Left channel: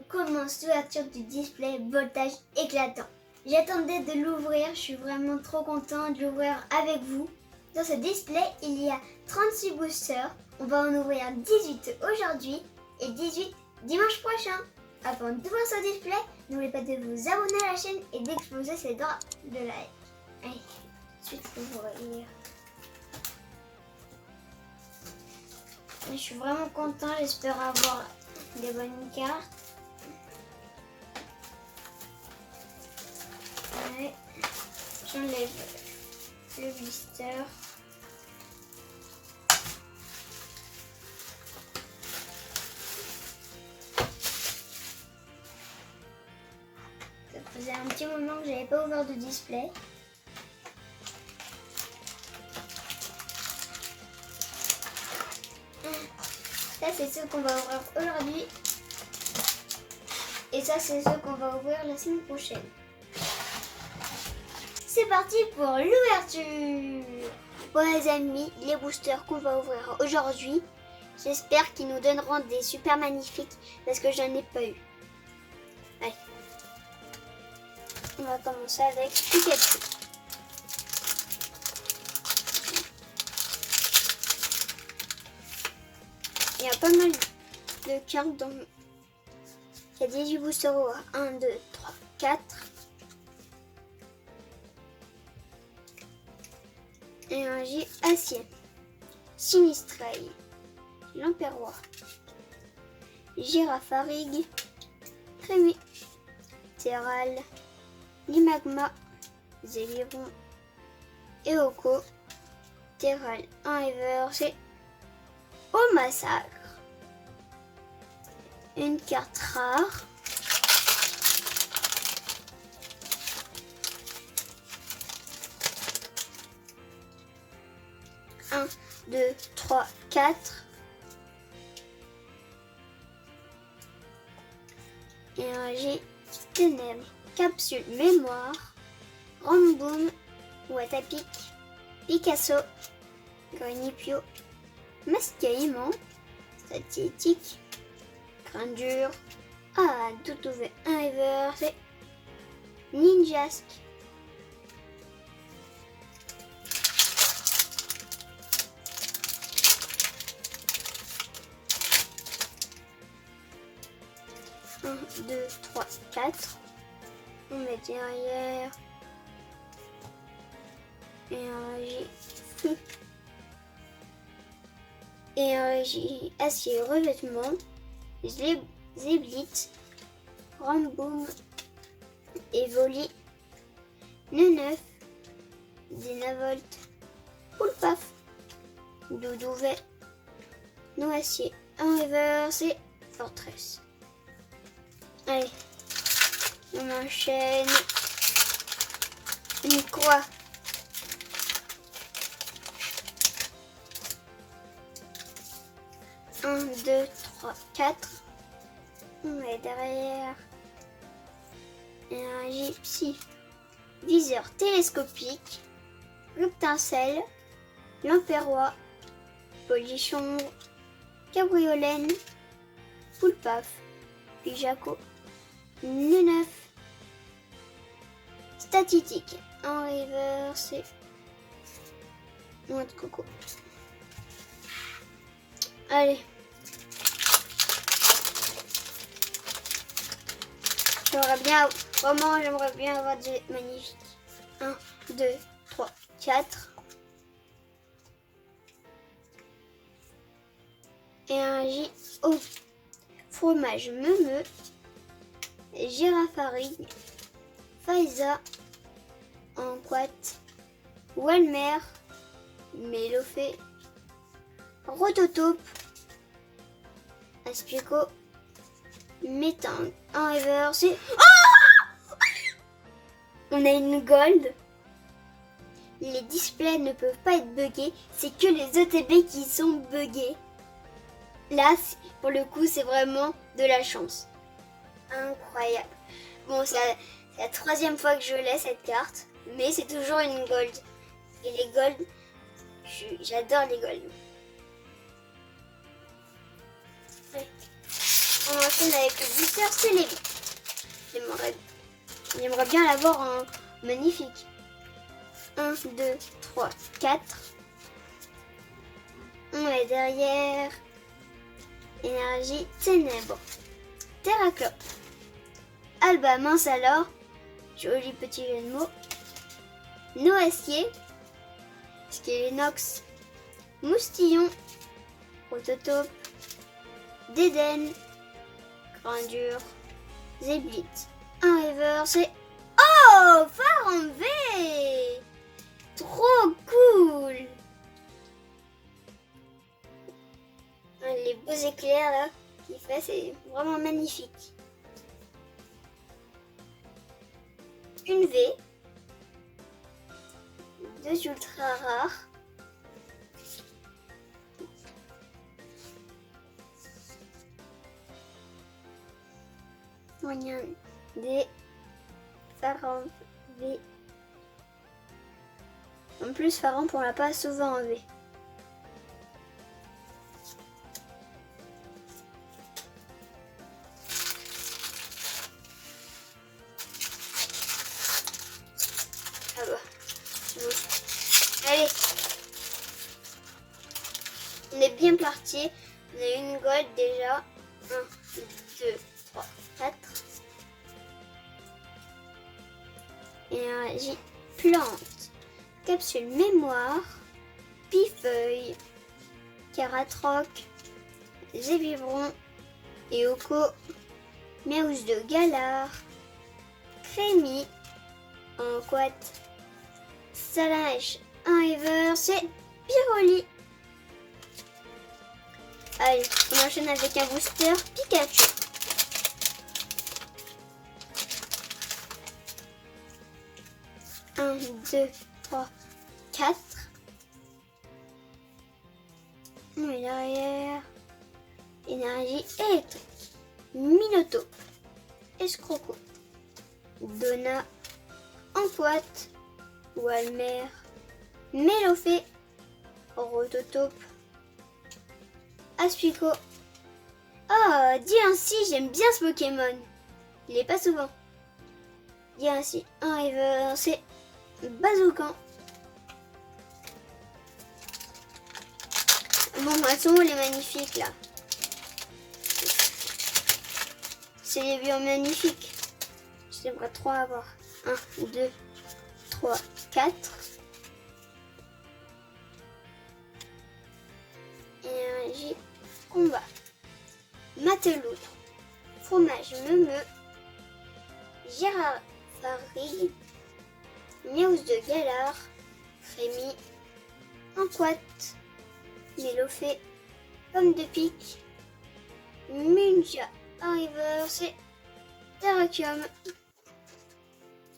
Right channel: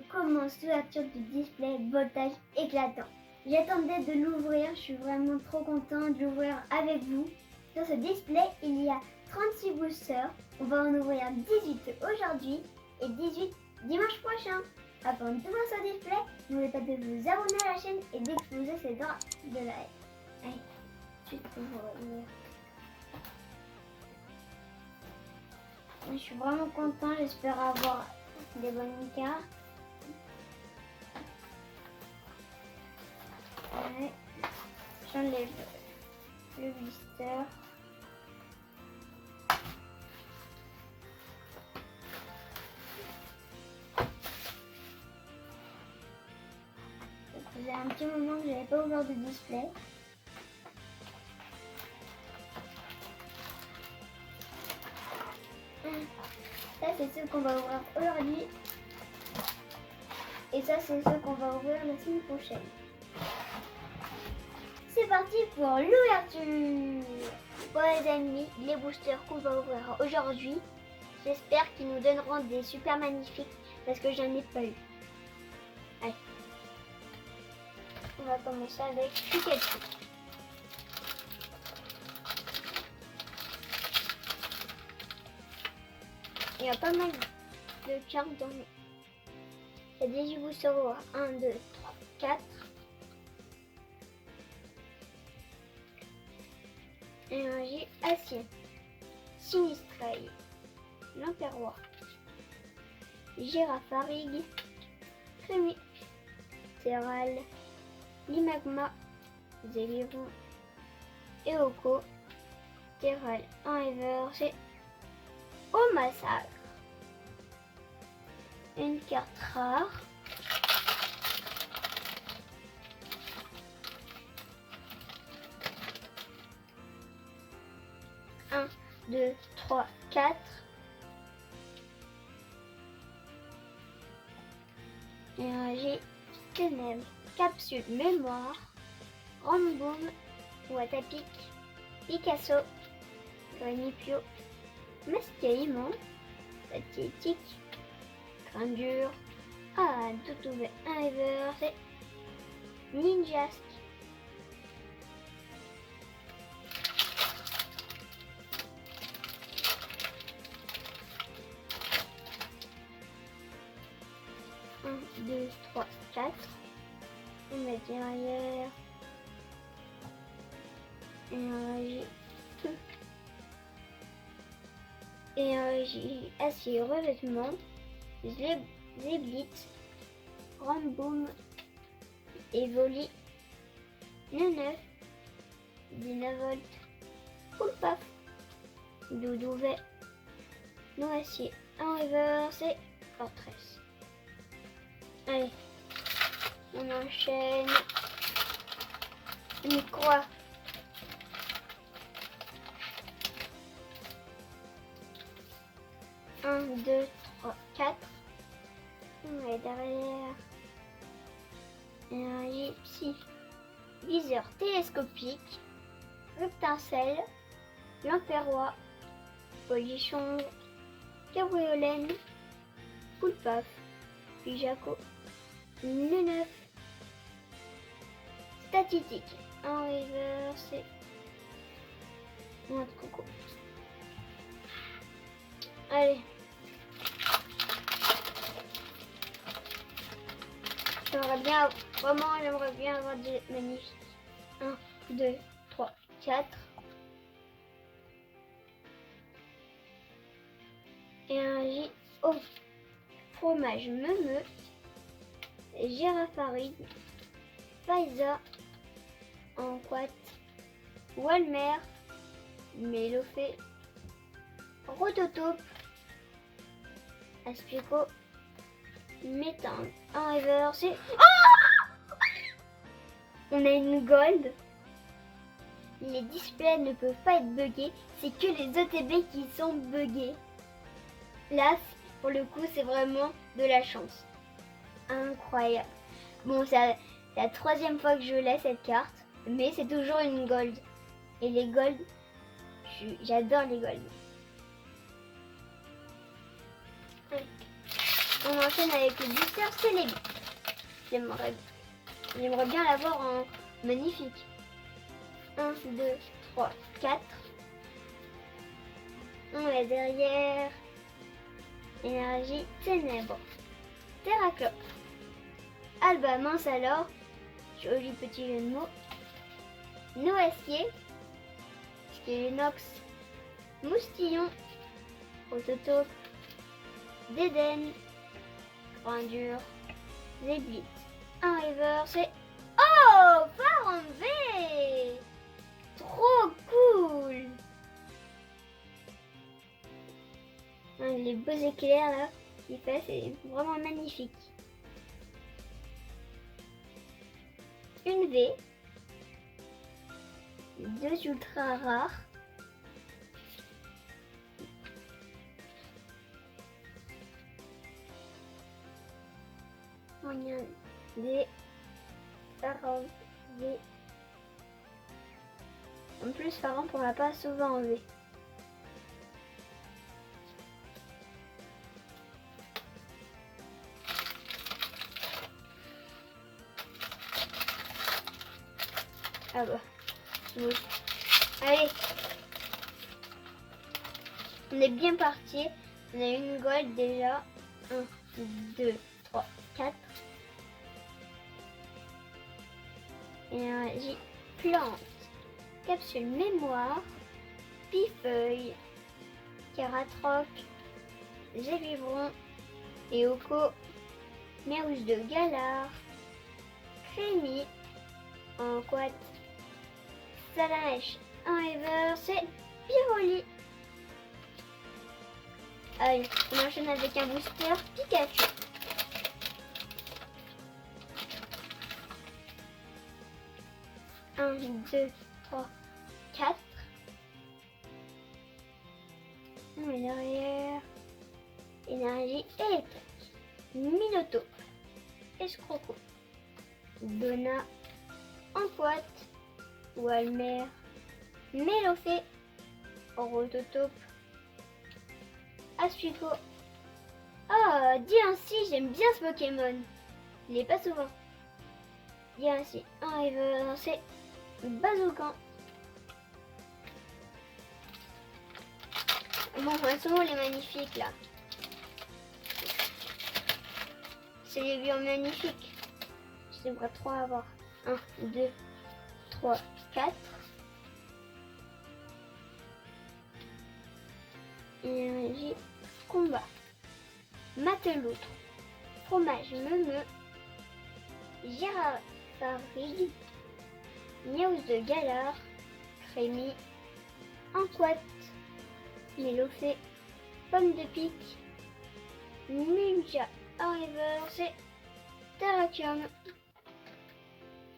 on commence l'ouverture du display voltage éclatant. J'attendais de l'ouvrir, je suis vraiment trop contente de l'ouvrir avec vous. Dans ce display, il y a 36 boosters. On va en ouvrir 18 aujourd'hui et 18 dimanche prochain. Avant d'ouvrir ce display, n'oubliez pas de vous abonner à la chaîne et d'exploser ces doigts de like. Allez, ensuite ouvrir. Je suis vraiment content, j'espère avoir des bonnes cartes. Ouais. J'enlève le blister. Ça faisait un petit moment que j'avais pas ouvert de display. Ça c'est ceux qu'on va ouvrir aujourd'hui. Et ça c'est ceux qu'on va ouvrir la semaine prochaine. C'est parti pour l'ouverture. Bon les amis, les boosters qu'on va ouvrir aujourd'hui, j'espère qu'ils nous donneront des super magnifiques parce que j'en ai pas eu. Allez. On va commencer avec Pikachu. Il y a pas mal de cartes dans... Il y a 18 boosters au 1, 2, 3, 4. Énergie acier. Sinistray. Lamperrois. Girafarig. Crémy. Terral. Limagma. Zéliron. Eoko. Terral. Un reverse. Au massacre. Une carte rare. Un, 2, 3, 4. Énergie ténèbres. Capsule mémoire. Ramboom. Watapic. Picasso. Granipio. Mascaïment. Statistique. Grandure. Ah, tout ouvert. Un reverse. Ninjask. Un, 2, 3, 4. On met derrière. Énergie feu. Énergie acier revêtement. Zéblit. Ramboom. Evoli. Neuf. Dynavolt. Poulpaf. Doudouvet. Noacier. Un reverse et Fortress. Allez, on enchaîne. Une croix. Un, 2, 3, 4. On met derrière. Énergie psy. Viseur télescopique. Reptincelle. Lamperrois. Polichon. Cabriolène. Poulpaf. Pijaco. Neuf. Statistique. Un reverse. Noix de coco. Allez. J'aimerais bien avoir des magnifiques. 1, 2, 3, 4. Et un J. Oh. Fromage meumeux. Girafarig. Faiza. Anquat. Walmer. Mélofé. Rototope. Aspico. Métang. Un reverse. On a une gold. Les displays ne peuvent pas être buggés. C'est que les ETB qui sont buggés. Là, pour le coup, c'est vraiment de la chance. Incroyable. Bon, c'est la troisième fois que je l'ai cette carte. Mais c'est toujours une gold. Et les gold, j'adore les gold. Ouais. On enchaîne avec le booster Celebi. J'aimerais bien l'avoir en magnifique. 1, 2, 3, 4. On est derrière. Énergie ténèbres. Terraclope. Alba mince alors. Joli petit jeu de mots. Noisquier. Skelenox. Moustillon. Prototope. Dédène. Grandure. Zéblit. Un reverse et... Oh, phare en V. Trop cool. Les beaux éclairs là qu'il fait, c'est vraiment magnifique. Une V. 2 ultra rares. Moyen des Pharaon V. En plus, Pharaon on l'a pas souvent en V. Ah bah, allez, on est bien parti. On a une gold déjà. 1, 2, 3, 4. Énergie plante. Capsule mémoire. Pifeuille. Caratroc. Zévivron. Eoko. Méousse de Galar. Crémy. En quat. Salamèche. Un ever. C'est Pyroli. Allez, on enchaîne avec un booster Pikachu. Un, 2, 3, 4. On est derrière. Énergie électrique. Minotaur. Escroco. Donna. Enquat. Walmer. Mélofée. Rototope. Aspico. Oh, dis ainsi, j'aime bien ce Pokémon. Il est pas souvent. Dis ainsi, un river, c'est Bazookan. Bon, elles sont où les magnifiques là? C'est les vieux magnifiques. J'aimerais trop avoir. 1, 2, 3, 4. Énergie combat. Mateloutre. Fromage meumeux. Gérard Farig. Méousse de Galar. Crémy. Enquat. Mélofée. Pomme de pique. Munja. Arriver. C'est Terrakium.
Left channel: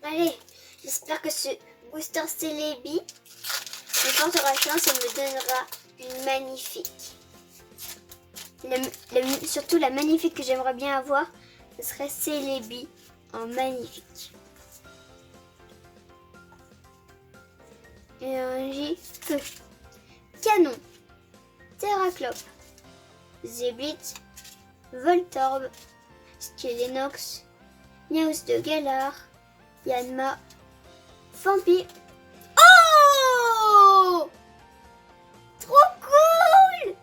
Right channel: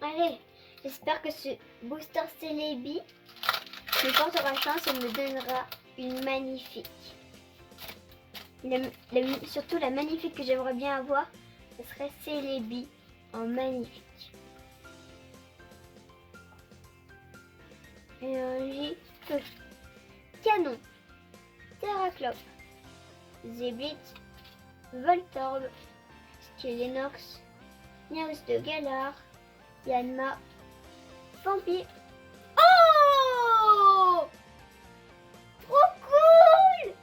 Allez, j'espère que ce booster Celebi me portera chance et me donnera une magnifique. Surtout la magnifique que j'aimerais bien avoir, ce serait Celebi en magnifique. Énergie feu. Canon. Terraclope. Zéblit. Voltorb. Skelenox. Méousse de Galar. Yanma. Fampi. Oh! Trop cool!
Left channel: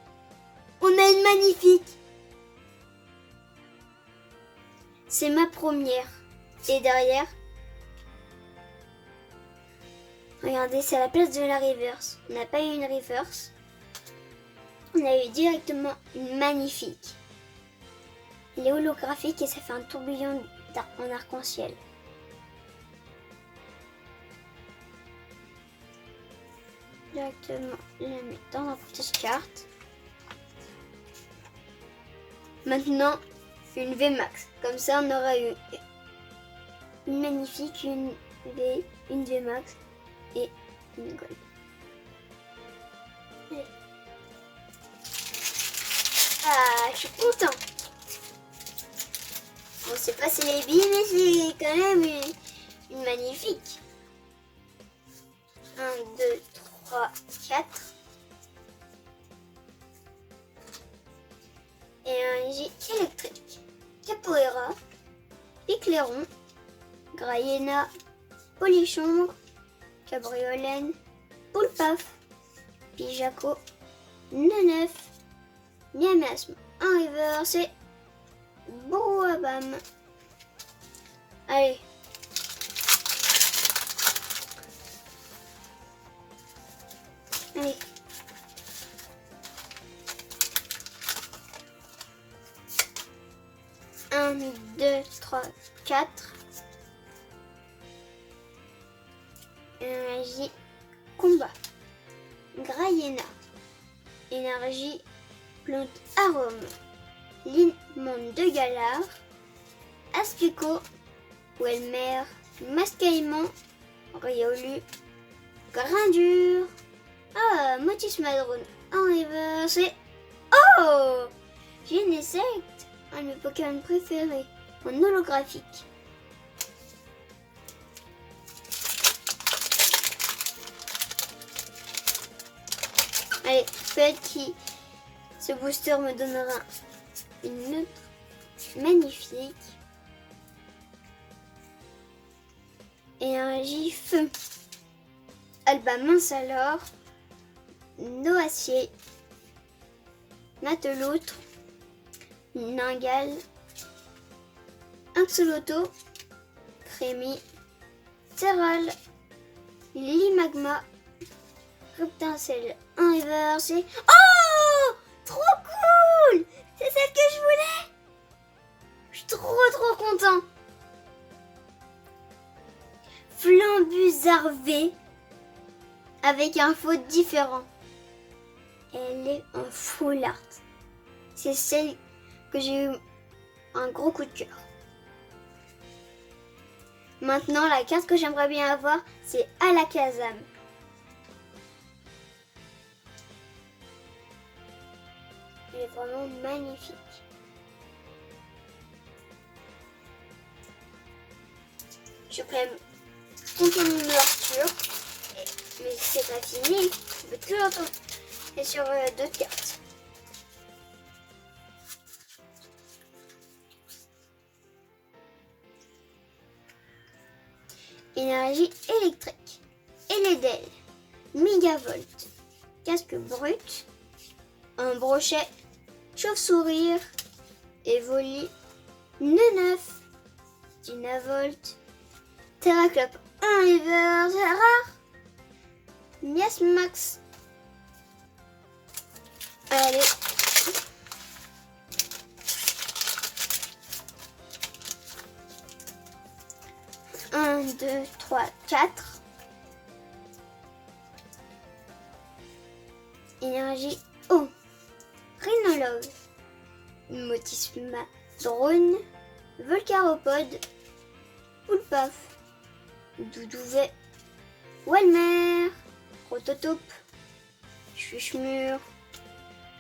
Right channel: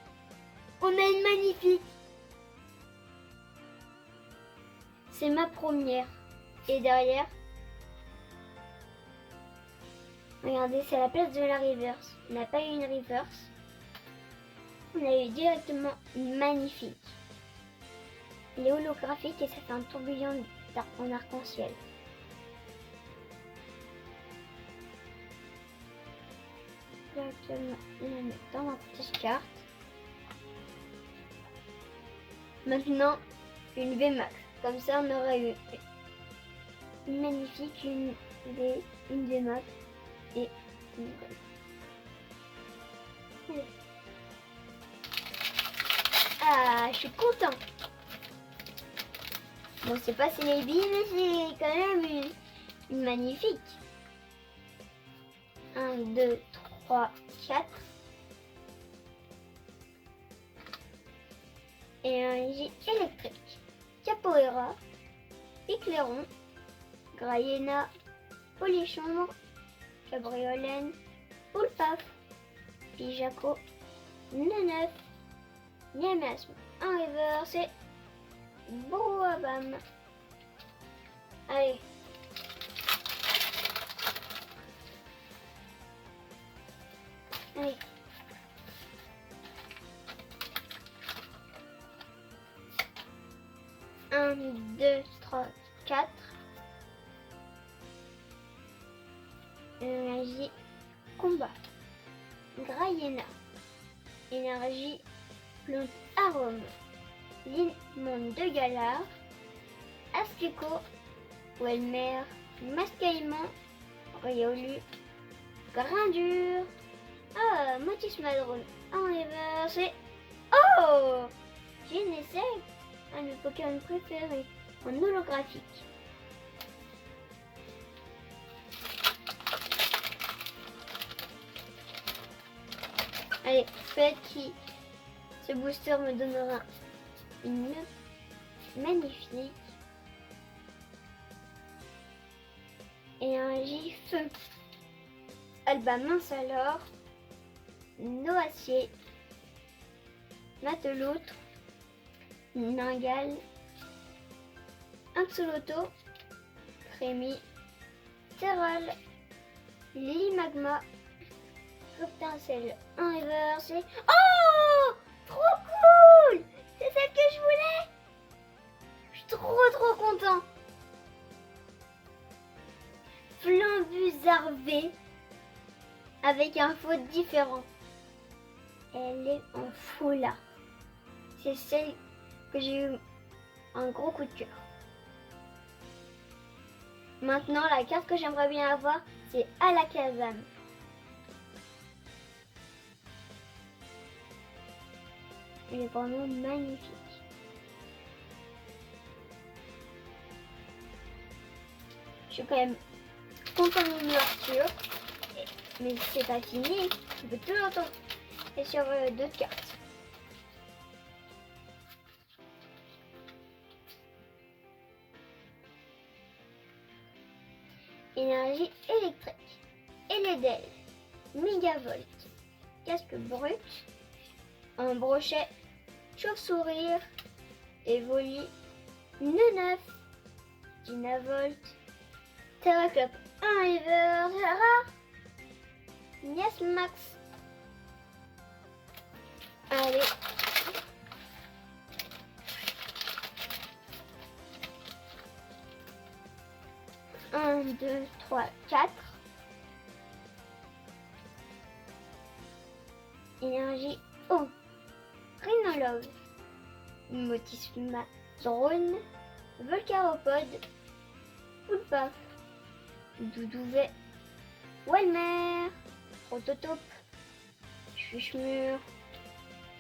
On a une magnifique. C'est ma première. Et derrière, regardez, c'est à la place de la reverse. On n'a pas eu une reverse. On a eu directement une magnifique. Elle est holographique et ça fait un tourbillon en arc-en-ciel. Directement la mettre dans la petite carte. Maintenant, une VMAX. Comme ça, on aura eu une magnifique, une V, une VMAX et une gold. Allez. Ah, je suis content. Bon, c'est pas Celebi, mais c'est quand même une magnifique. 1, 2, 3, 4. Énergie électrique. Capoeira. Picléron. Grayena. Polichon. Cabriolène. Poulpaf. Pijaco. Nenef. Miasme inversé. Brouhabam. Allez. Allez. Un, deux, trois, quatre. Énergie combat. Grayena. Énergie plante arôme. Limon de Galard. Aspico. Welmer. Mascaillement. Riolu. Grindure. Ah, Motus Madrone inversé. Oh, Genesect, un de mes Pokémon préférés, en holographique. Allez, peut-être que ce booster me donnera une note magnifique. Énergie feu. Alba mince alors. Noacier. Mateloutre. Ningal. Axolotl. Crémy. Terral. Limagma. Reptincelle inversé. Oh, trop cool! C'est celle que je voulais! Je suis trop content! Flambusarvé avec un faux différent. Elle est en full art. C'est celle que j'ai eu un gros coup de cœur. Maintenant, la carte que j'aimerais bien avoir, c'est Alakazam. Elle est vraiment magnifique. Je peux même continuer mon ouverture. Mais c'est pas fini. Je peux tout entendre. Et sur d'autres cartes. Énergie électrique. Eledel. Mégavolt. Casque brut. Un brochet. Chauve-sourire. Evoli. Neneuf. Dynavolt. Terraclope. Un river. C'est rare. Miasmax. Allez. Un, deux, trois, quatre. Énergie eau. Rhinologue. Motisma drone. Volcaropode. Poulpaf. Doudouvet. Walmer. Prototope. Chuchmur.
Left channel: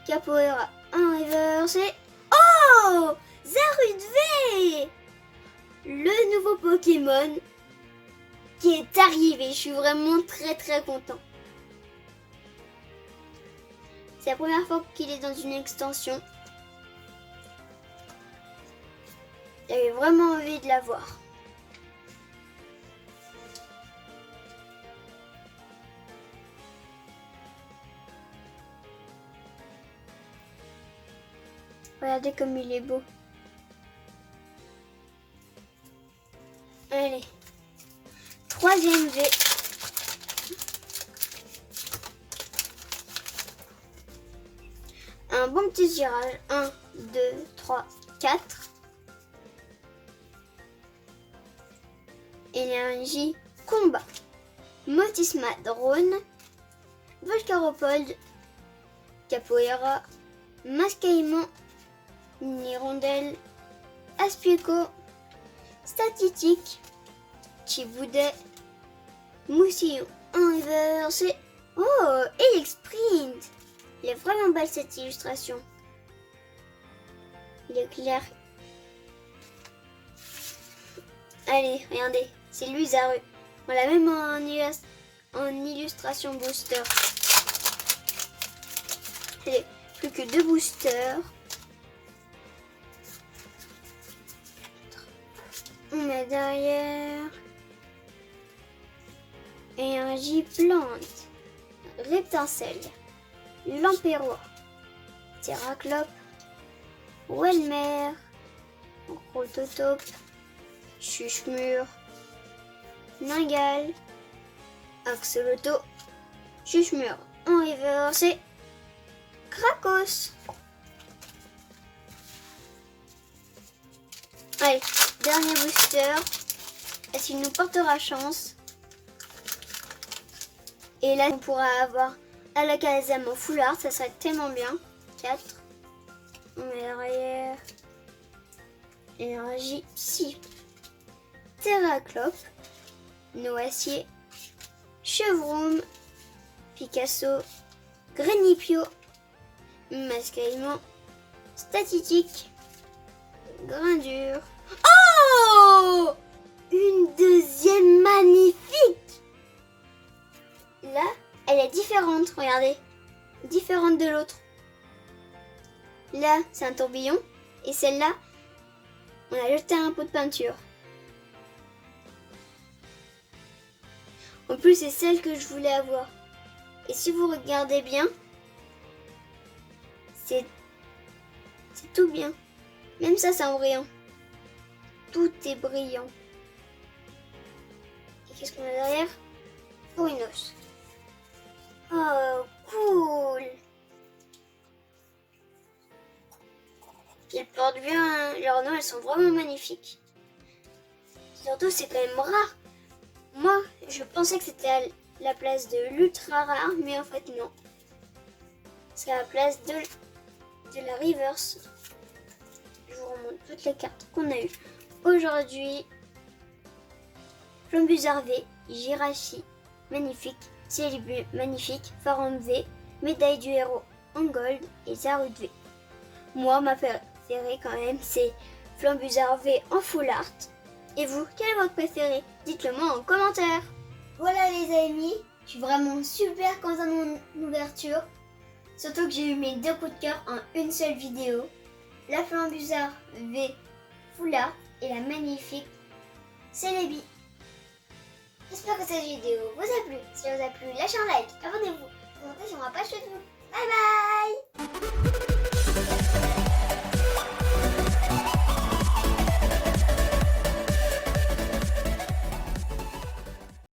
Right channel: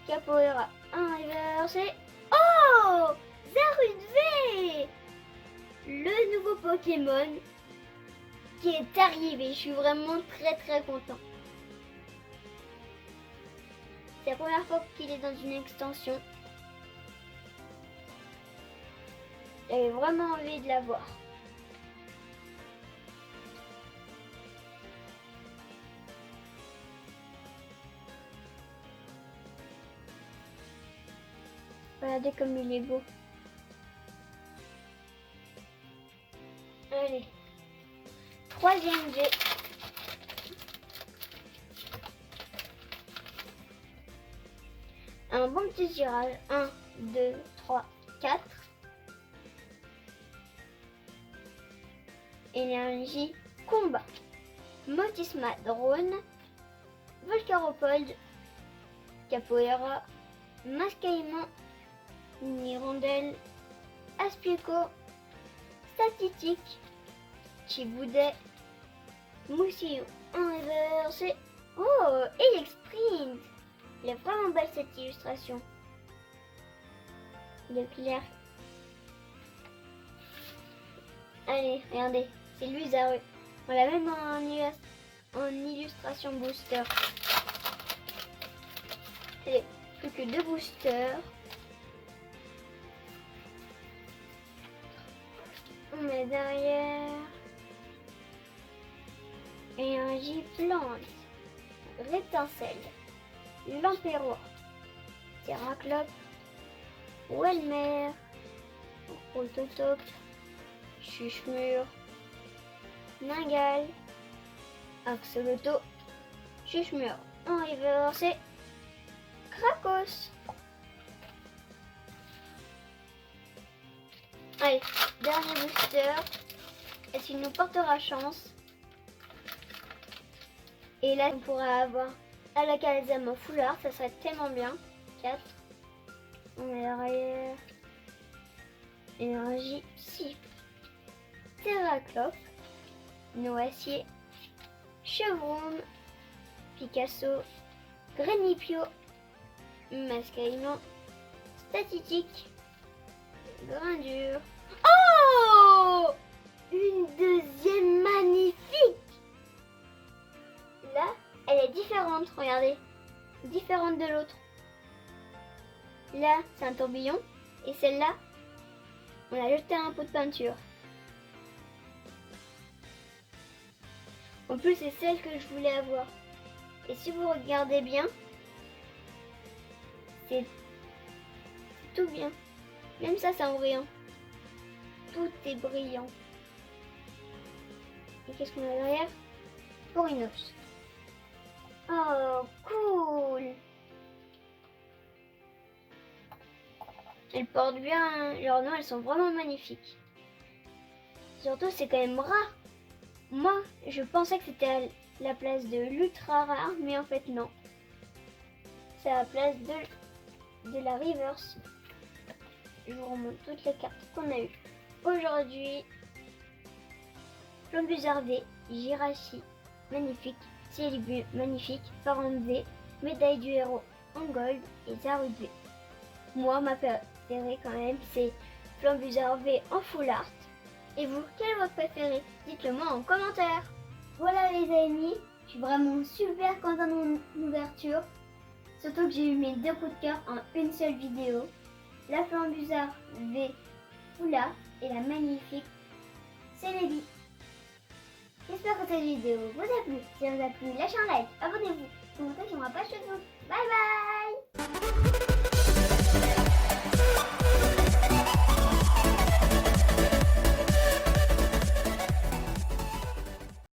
Capoeira inversé. Oh, Zarud-V, le nouveau Pokémon qui est arrivé. Je suis vraiment très content. C'est la première fois qu'il est dans une extension. J'avais vraiment envie de l'avoir. Regardez comme il est beau. Allez. Troisième V. Un bon petit tirage. 1, 2, 3, 4. Énergie combat. Motisma drone. Volcaropode. Capoeira. Mascaillement. Nirondelle, Aspico, Statistique, Chiboudet, Moussillon inversé. Oh, Elixprint. Il est vraiment belle cette illustration. Il est clair. Allez, regardez, c'est lui Zaru. On l'a même en illustration booster. Allez, plus que 2 boosters. On met derrière. Énergie plante. Reptincelle. Lampérois. Terraclope. Welmer. Rototope. Chuchemur. Ningal. Axoloto. Chuchemur. En reverse et Krakos. Allez, dernier booster. Est-ce qu'il nous portera chance? Et là, on pourra avoir Alakazam au foulard. Ça serait tellement bien. 4. On met derrière. Énergie Psy. Terraclope. Noacier. Chevroom. Picasso. Grenipio. Mascaïman. Statistique. Grindure. Oh! Une deuxième magnifique! Là, elle est différente, regardez. Différente de l'autre. Là, c'est un tourbillon. Et celle-là, on a jeté un pot de peinture. En plus, c'est celle que je voulais avoir. Et si vous regardez bien, c'est tout bien. Même ça, c'est en brillant. Tout est brillant. Et qu'est-ce qu'on a derrière? Forinos. Oh, cool! Ils portent bien leurs noms, elles sont vraiment magnifiques. Surtout, c'est quand même rare. Moi, je pensais que c'était à la place de l'ultra rare, mais en fait, non. C'est à la place de la reverse. Je vous remonte toutes les cartes qu'on a eues aujourd'hui. Plombus V, Jirachi, magnifique. Célibu, magnifique. Pharon V, médaille du héros en gold et Zarud V. Moi, ma préférée quand même, c'est Flambusard V en full art. Et vous, quel est votre préféré? Dites-le moi en commentaire. Voilà les amis, je suis vraiment super contente de mon ouverture. Surtout que j'ai eu mes 2 coups de cœur en une seule vidéo. La Flambusard V full art et la magnifique Celebi. J'espère que cette vidéo vous a plu. Si elle vous a plu, lâchez un like, abonnez-vous, commentez sur ma page Facebook. Bye bye.